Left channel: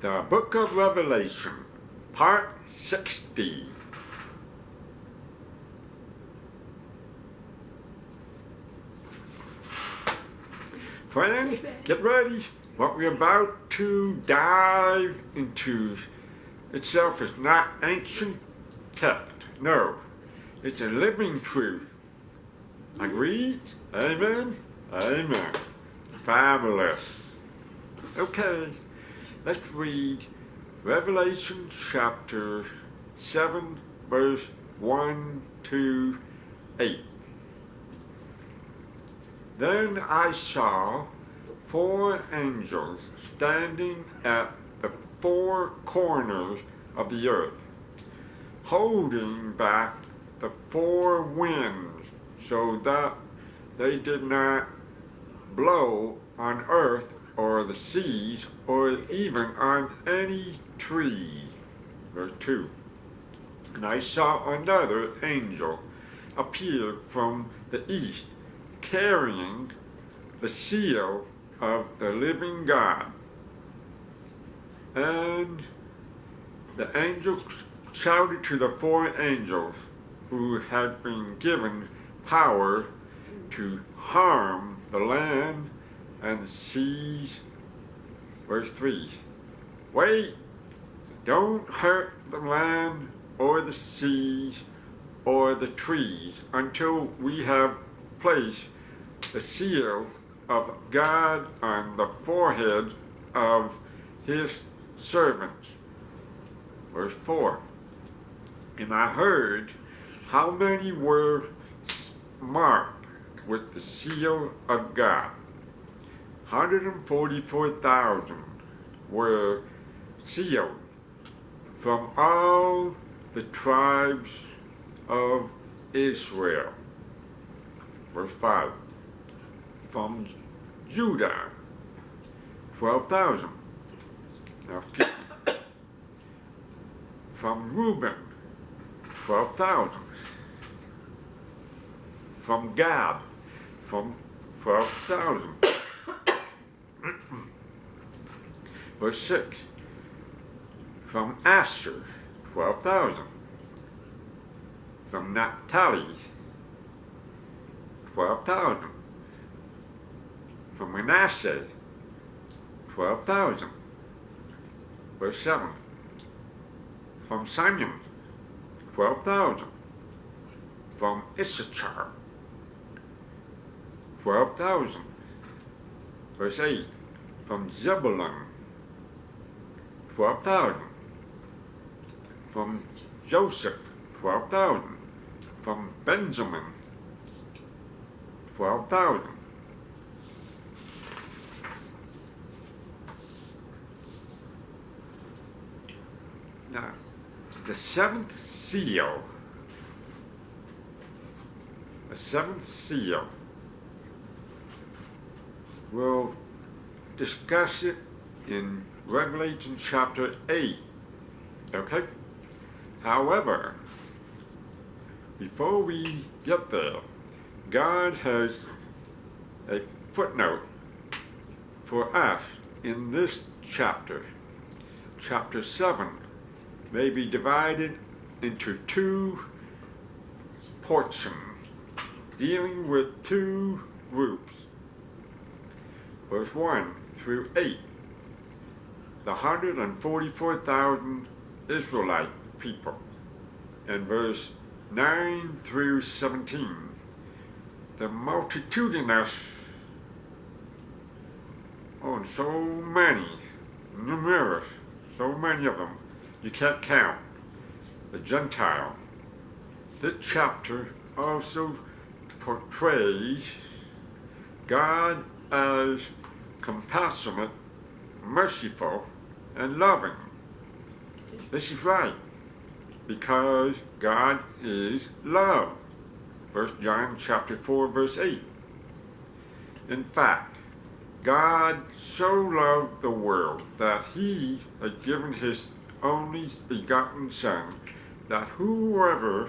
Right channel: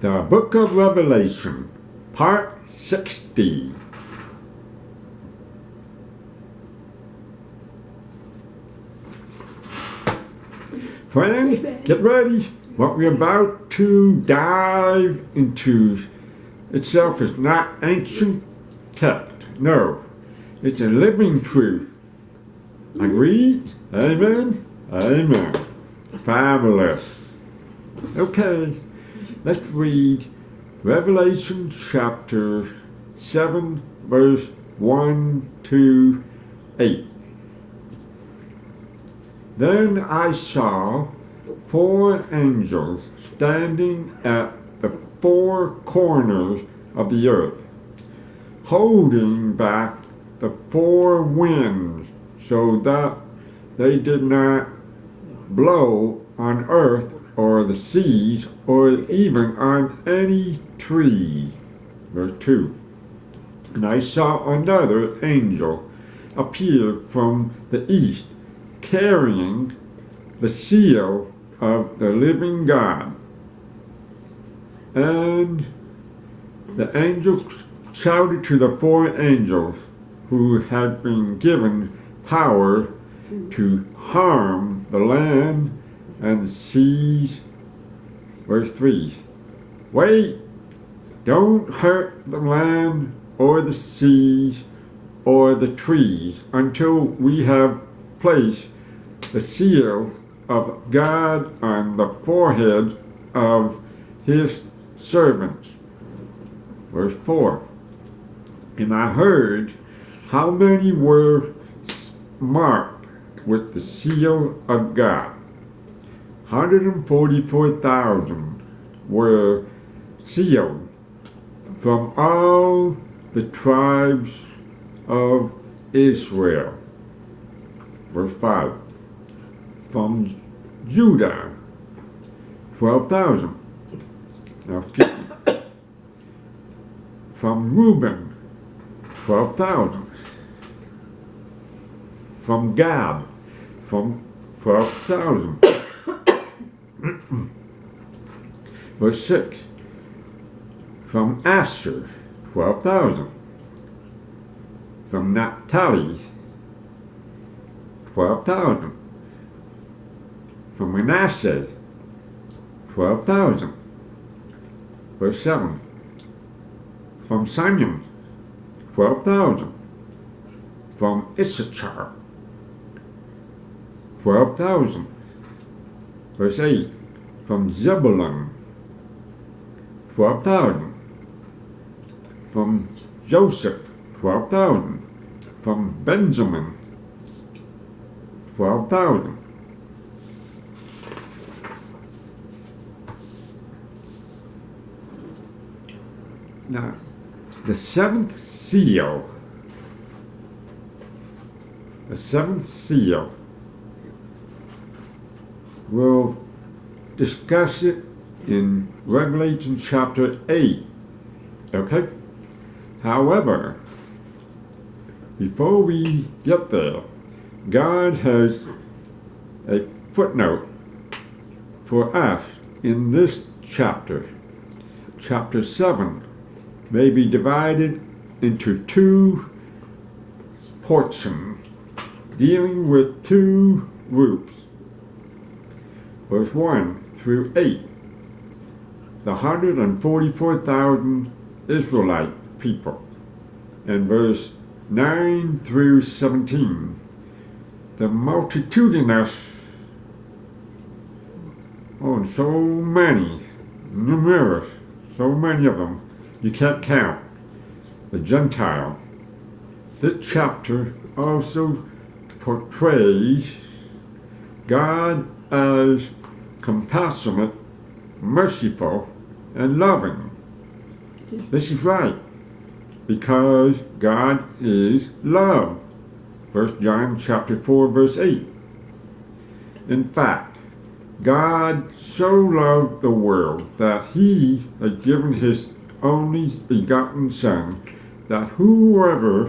The Book of Revelation, Part 60. Friends, get ready. What we're about to dive into itself is not ancient text. No, it's a living truth. Agreed? Amen? Amen. Fabulous. Okay, let's read Revelation chapter 7, verse 1 to 8. Then I saw 4 angels standing at the 4 corners of the earth, holding back the 4 winds so that they did not blow on earth or the seas or even on any tree. Verse 2. And I saw another angel appear from the east, carrying the seal of the living God. And the angel shouted to the 4 angels who had been given power to harm the land and the seas. Verse 3. Wait, don't hurt the land or the seas or the trees until we have placed the seal of God on the forehead of his servants. Verse 4. And I heard how many were marked with the seal of God. 144,000 were sealed from all the tribes of Israel. Verse 5. From Judah, 12,000. Now skip me. From Reuben, 12,000. From Gad, from 12,000. Verse 6. From Asher, 12,000. From Naphtali, 12,000. From Manasseh, 12,000. Verse 7. From Simeon, 12,000. From Issachar, 12,000. Verse 8. From Zebulun, 12,000. From Joseph, 12,000. From Benjamin, 12,000. Now, the 7th seal. The 7th seal. We'll discuss it in Revelation chapter 8. Okay? However, before we get there, God has a footnote for us in this chapter. Chapter 7 may be divided into 2 portions, dealing with 2 groups. Verse 1 through 8, the 144,000 Israelite people. And verse 9 through 17, the multitudinous, so many, numerous, so many of them, you can't count, the Gentile. This chapter also portrays God as compassionate, merciful, and loving. This is right, because God is love. 1 John chapter 4, verse 8. In fact, God so loved the world that he has given his only begotten Son, that whoever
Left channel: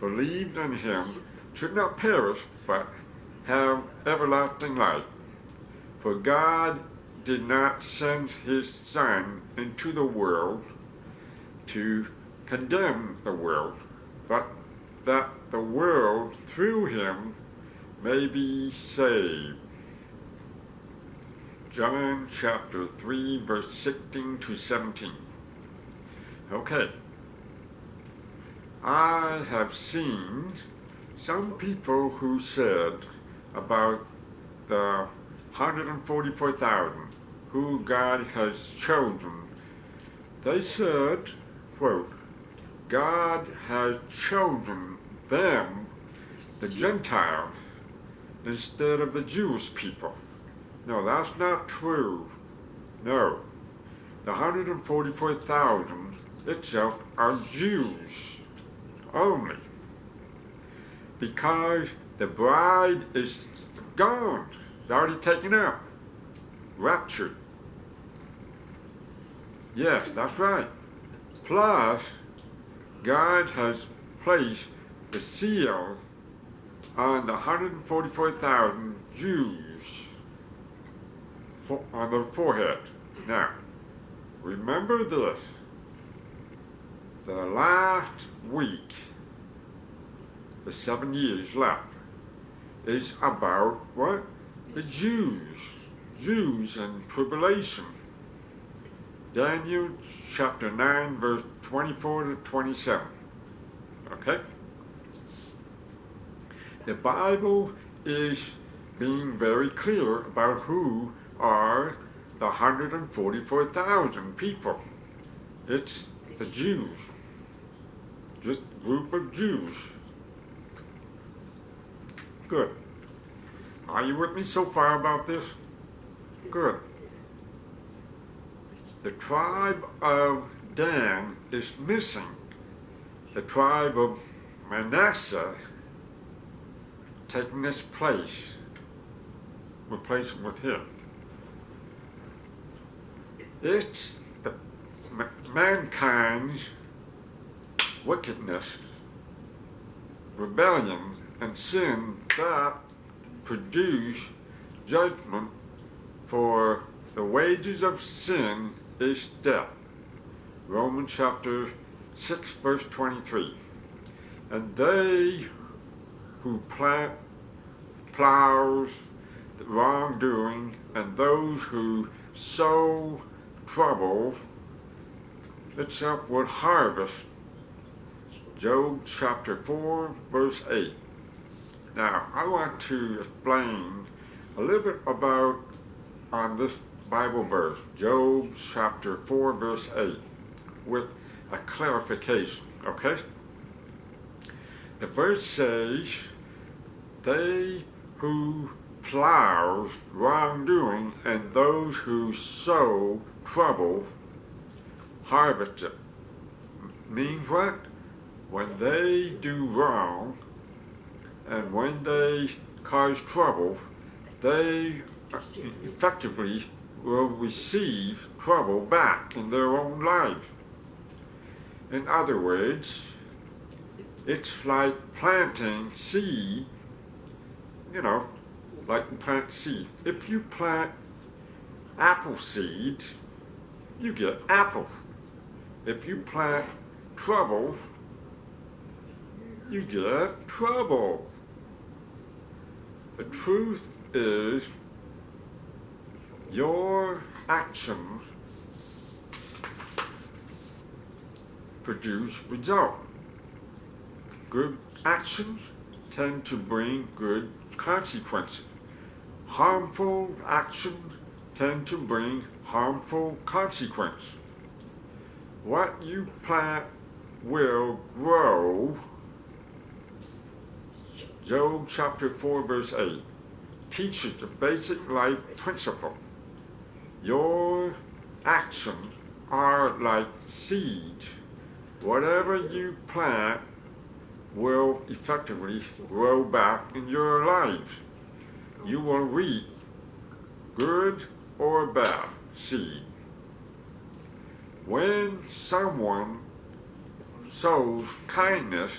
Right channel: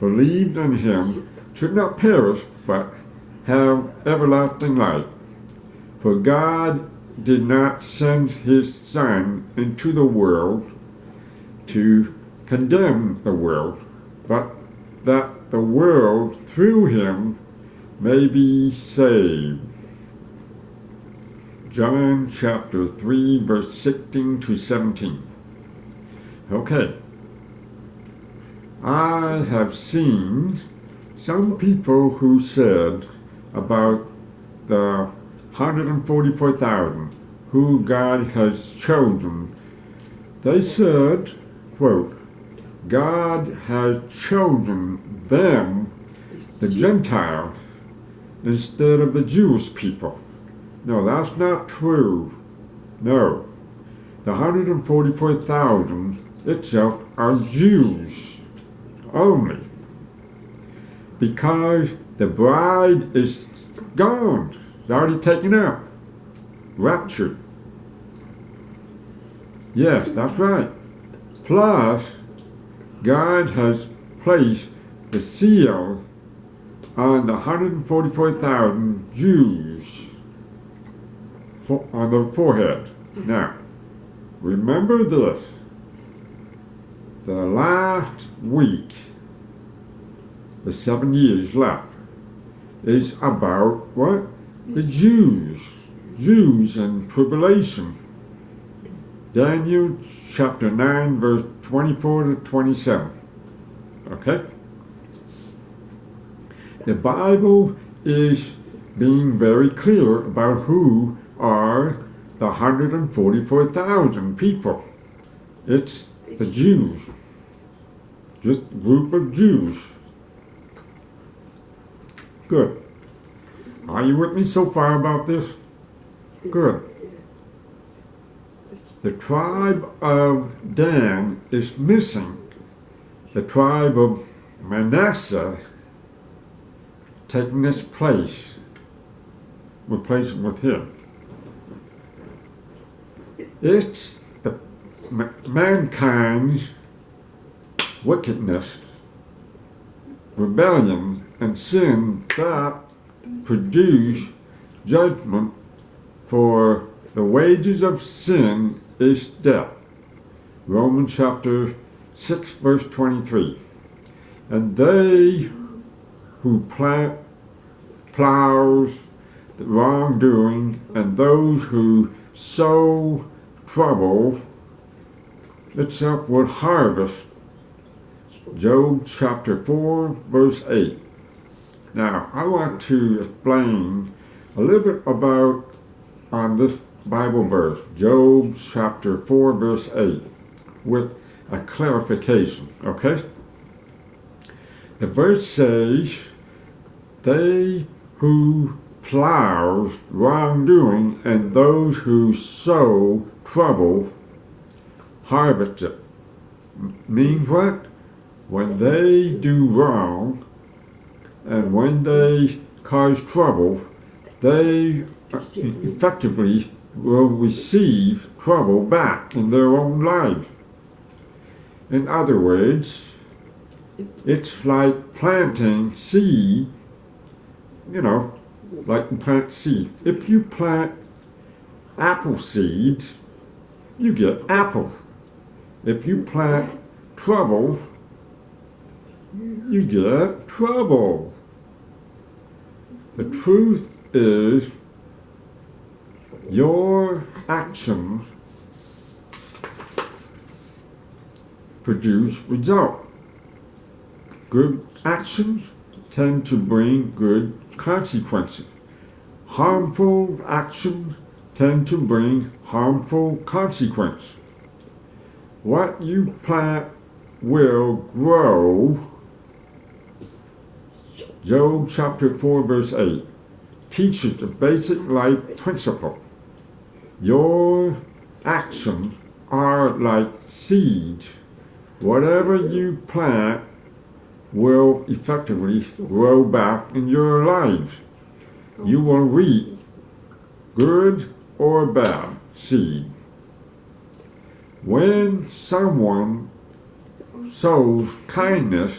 believed in him should not perish, but have everlasting life. For God did not send his Son into the world to condemn the world, but that the world through him may be saved. John chapter 3, verse 16 to 17. Okay. I have seen some people who said about the 144,000 who God has chosen. They said, quote, God has chosen them, the Gentiles, instead of the Jewish people. No, that's not true. No. The 144,000 itself are Jews only. Because the bride is gone. It's already taken up. Raptured. Yes, that's right. Plus, God has placed the seal on the 144,000 Jews on their forehead. Now, remember this. The last week, the 7 years left, is about what? The Jews. Jews and tribulation. Daniel chapter 9, verse 24 to 27. Okay? The Bible is being very clear about who are the 144,000 people. It's the Jews. Just a group of Jews. Good. Are you with me so far about this? Good. The tribe of Dan is missing. The tribe of Manasseh taking its place, replacing with him. It's the mankind's wickedness, rebellion, and sin that produce judgment, for the wages of sin is death. Romans chapter 6, verse 23. And they who plows the wrongdoing, and those who sow trouble itself would harvest. Job chapter 4, verse 8. Now, I want to explain a little bit about on this Bible verse, Job chapter 4, verse 8, with a clarification, okay? The verse says, they who plows wrongdoing and those who sow trouble harvest it. Means what? When they do wrong and when they cause trouble, they effectively will receive trouble back in their own life. In other words, it's like planting seed, like you plant seed. If you plant apple seeds, you get apples. If you plant trouble, you get trouble. The truth is, your actions produce results. Good actions tend to bring good consequences. Harmful actions tend to bring harmful consequences. What you plant will grow. Job chapter 4, verse 8 teaches the basic life principle. Your actions are like seeds. Whatever you plant will effectively grow back in your life. You will reap good or bad seed. When someone sows kindness,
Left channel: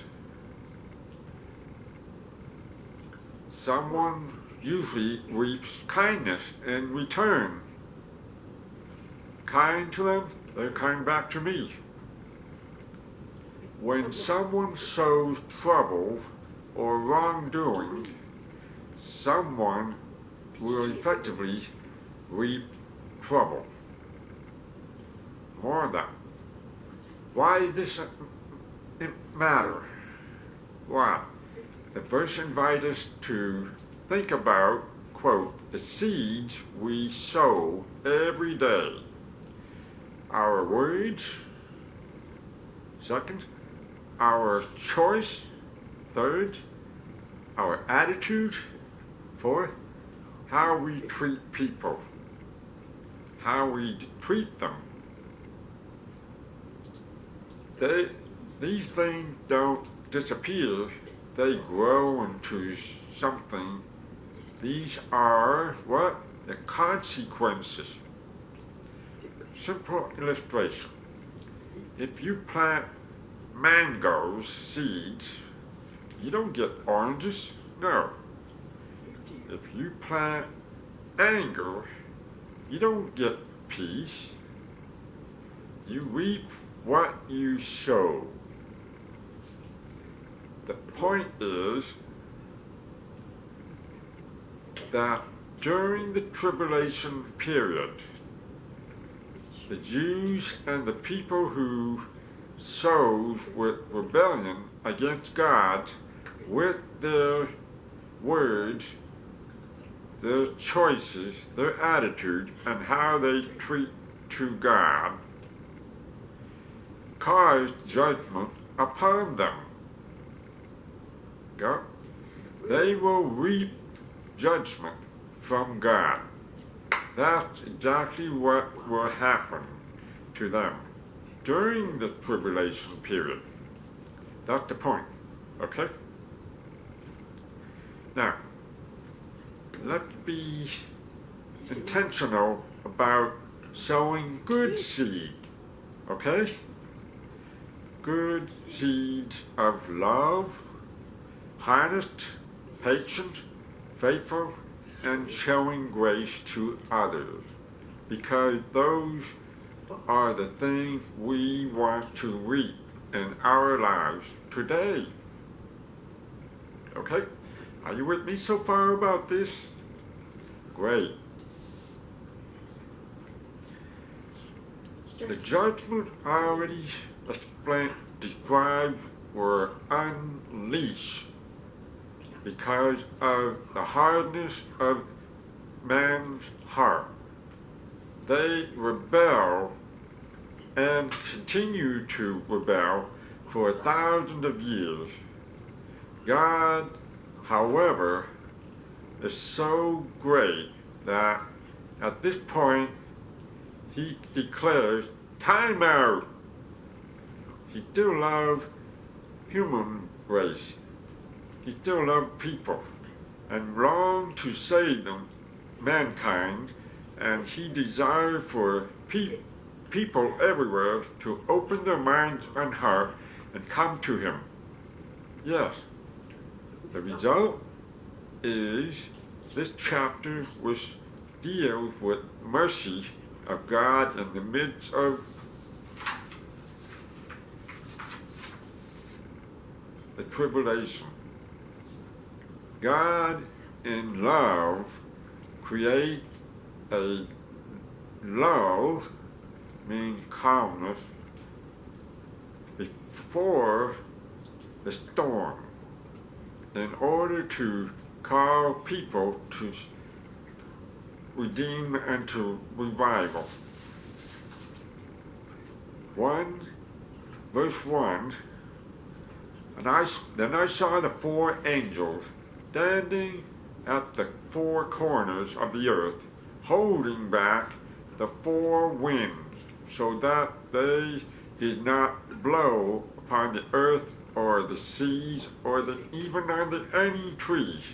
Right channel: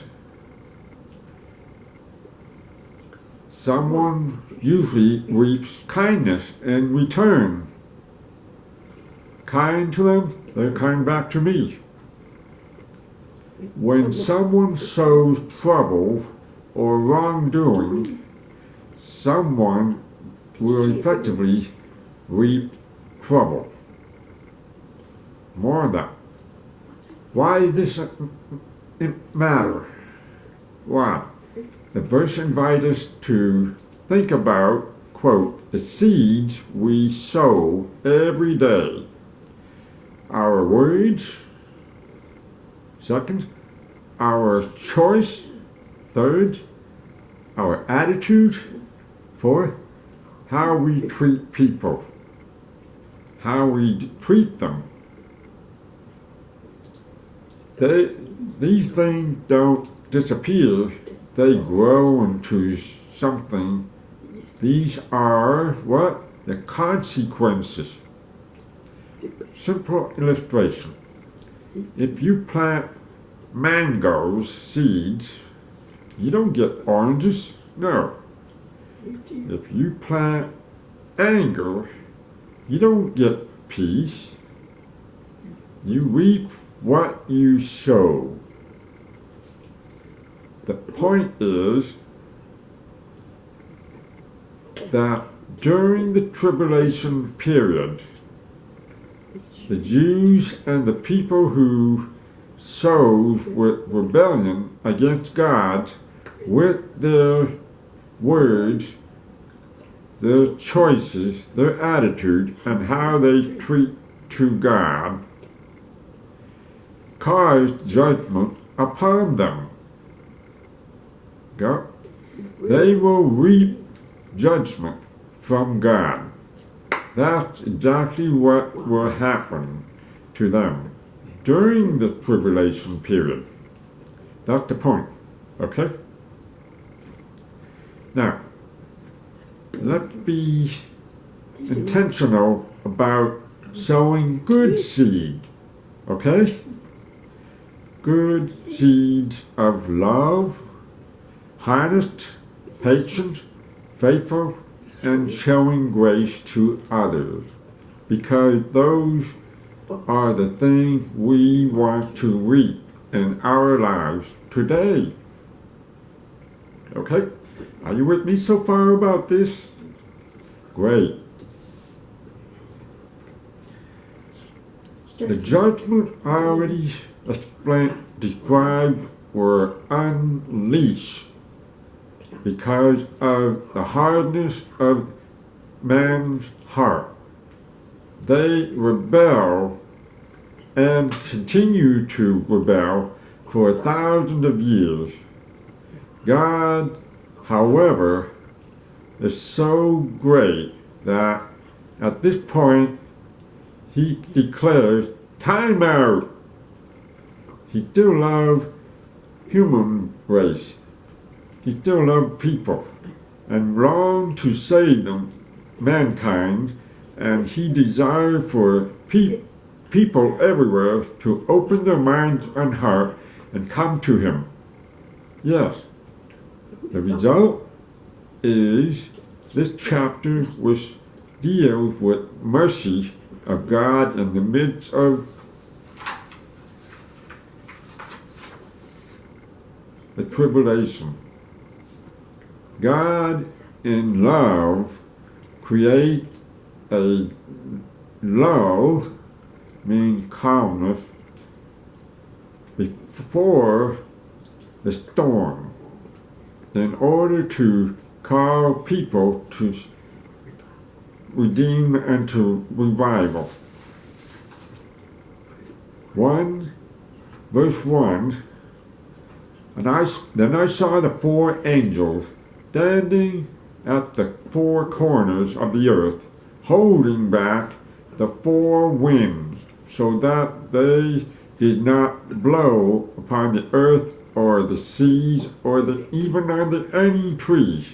someone usually reaps kindness in return. kind to them, they're kind back to me. When someone sows trouble or wrongdoing, someone will effectively reap trouble. More of that. Why does it matter? Why? The verse invites us to think about, quote, the seeds we sow every day. Our words, second, our choice, third, our attitude, fourth, how we treat people, how we treat them. These things don't disappear, they grow into something. These are what? The consequences. Simple illustration. If you plant mangoes, seeds, you don't get oranges. No. If you plant anger, you don't get peace. You reap what you sow. The point is that during the tribulation period, the Jews and the people who sowed with rebellion against God, with their words, their choices, their attitude, and how they treat to God, caused judgment upon them. God, they will reap judgment from God. That's exactly what will happen to them during the tribulation period. That's the point, okay? Now, let's be intentional about sowing good seed, okay? Good seeds of love, honest, patient, faithful, and showing grace to others, because those are the things we want to reap in our lives today. Okay? Are you with me so far about this? Great. The judgment already described were unleashed because of the hardness of man's heart. They rebel and continue to rebel for thousands of years. God, however, is so great that at this point he declares, time out. He still loves human race. He still loves people and longs to save them, mankind, and he desires for people everywhere to open their minds and heart and come to him. Yes, the result is this chapter which deals with mercy of God in the midst of the tribulation. God in love create a lull, means calmness, before the storm, in order to call people to redeem and to revival. 1, verse 1, then I saw the 4 angels standing at the 4 corners of the earth, holding back the 4 winds, so that they did not blow upon the earth or the seas or even on any trees.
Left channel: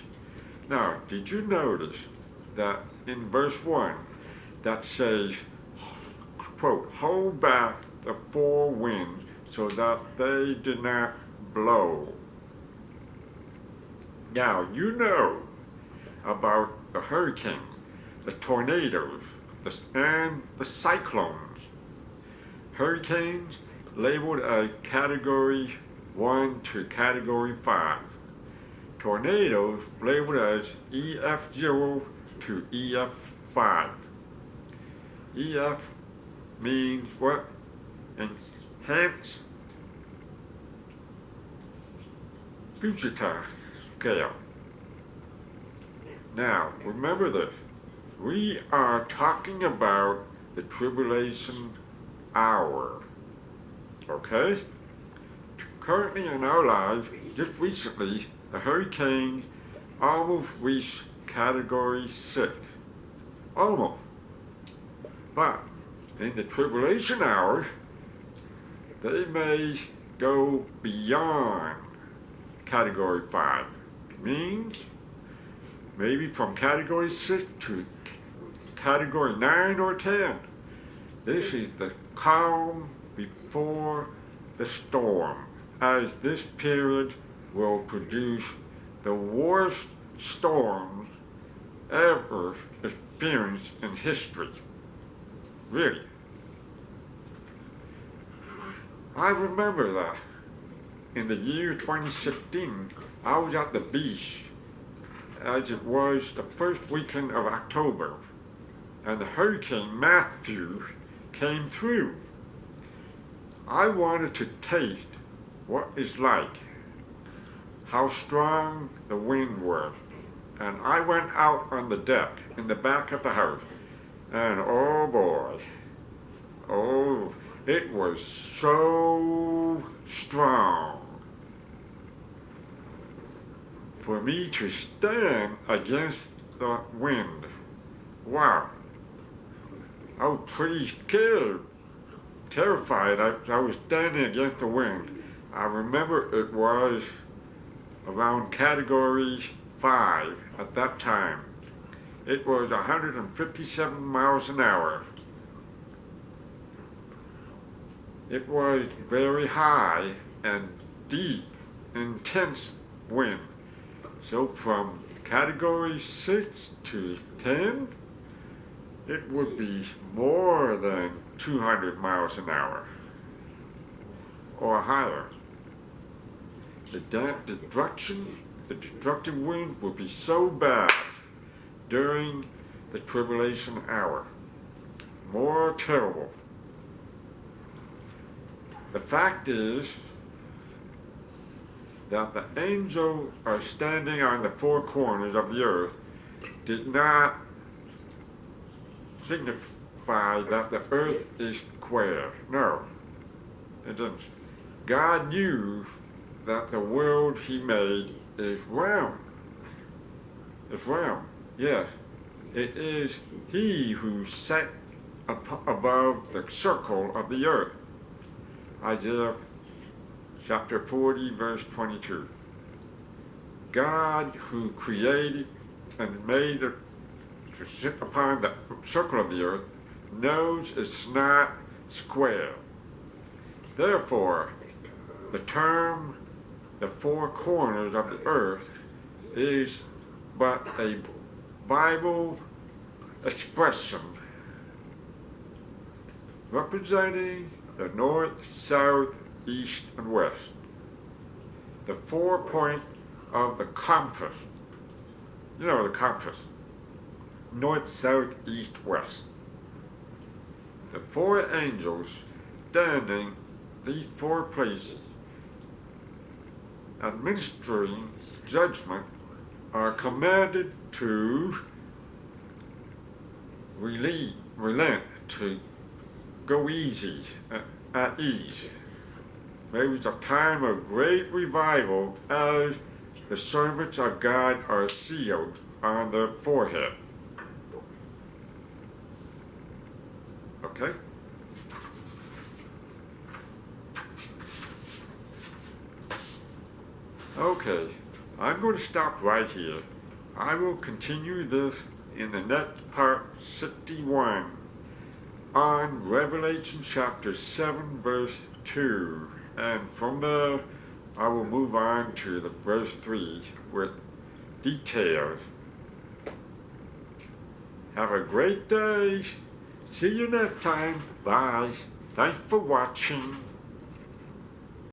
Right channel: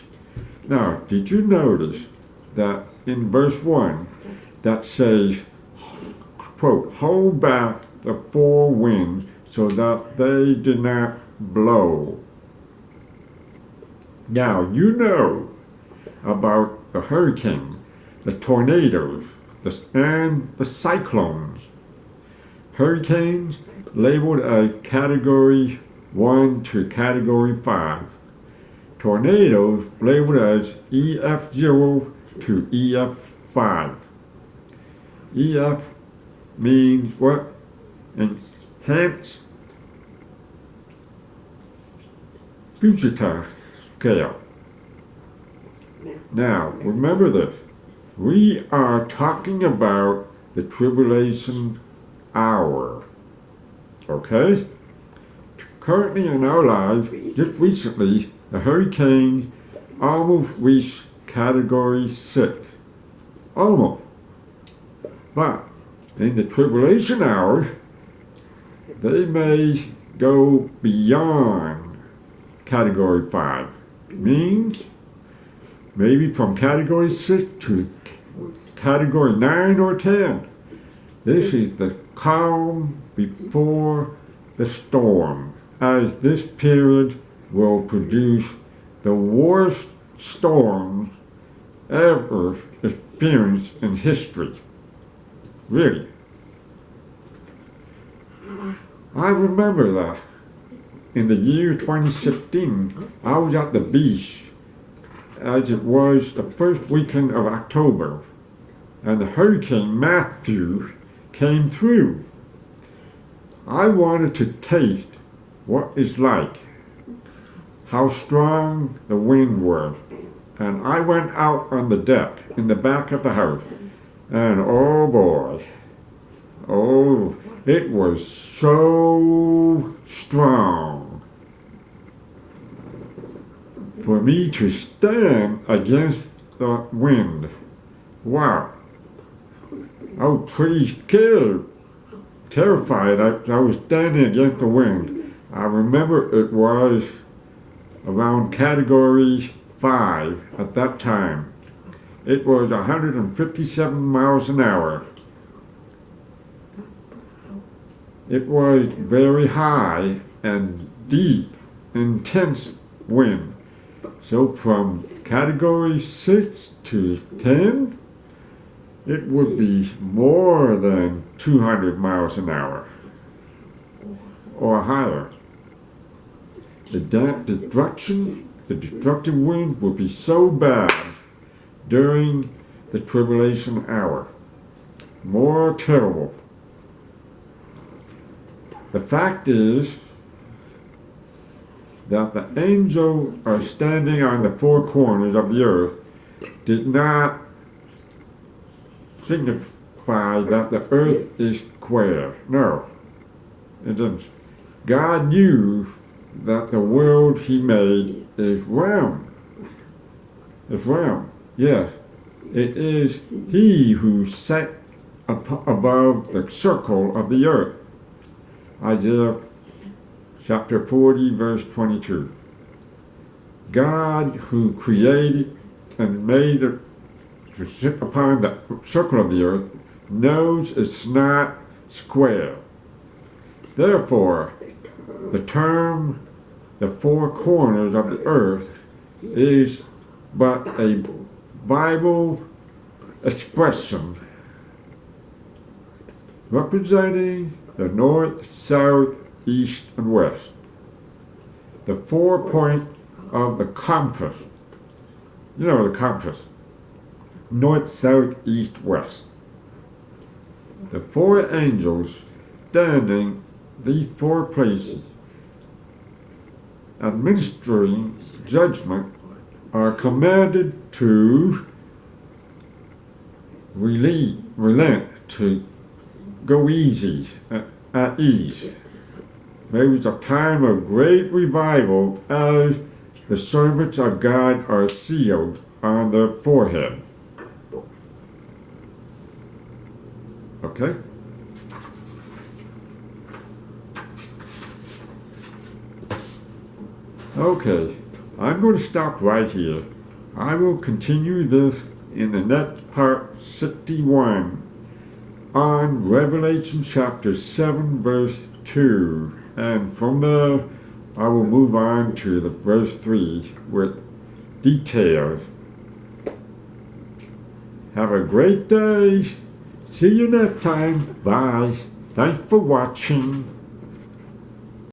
Now, did you notice that in verse 1 that says, quote, hold back the 4 winds so that they did not blow? Now, you know about the hurricane, the tornadoes, and the cyclones. Hurricanes labeled as Category 1 to Category 5. Tornadoes labeled as EF0 to EF5. EF means what? Enhanced fugitive scale. Now, remember this. We are talking about the tribulation hour. Okay? Currently in our lives, just recently, the hurricane almost reached Category 6. Almost. But in the tribulation hour, they may go beyond Category 5. Means maybe from Category 6 to Category 9 or 10. This is the calm before the storm, as this period will produce the worst storms ever experienced in history. Really. I remember that in the year 2016, I was at the beach as it was the first weekend of October, and the Hurricane Matthew came through. I wanted to taste what it's like, how strong the wind was, and I went out on the deck in the back of the house, and oh boy, oh, it was so strong for me to stand against the wind. Wow, I was pretty scared, terrified. I was standing against the wind. I remember it was around Category 5 at that time. It was 157 miles an hour. It was very high and deep, intense wind. So from Category 6 to 10, it would be more than 200 miles an hour or higher. The destructive wind would be so bad during the tribulation hour. More terrible. The fact is that the angels are standing on the four corners of the earth did not signify that the earth is square. No, it didn't. God knew that the world he made is round. It's round. Yes, it is he who sat above the circle of the earth. Isaiah chapter 40, verse 22. God who created and made it to sit upon the circle of the earth knows it's not square. Therefore, the term the four corners of the earth is but a Bible expression representing the north, south, east, and west. The 4 point of the compass. You know the compass. North, south, east, west. The four angels standing these four places, administering judgment, are commanded to relent, to go easy, at ease. Maybe it's a time of great revival as the servants of God are sealed on their forehead. Okay? Okay, I'm going to stop right here. I will continue this in the next part 61 on Revelation chapter 7 verse 2, and from there I will move on to the verse 3 with details. Have a great day. See you next time. Bye. Thanks for watching.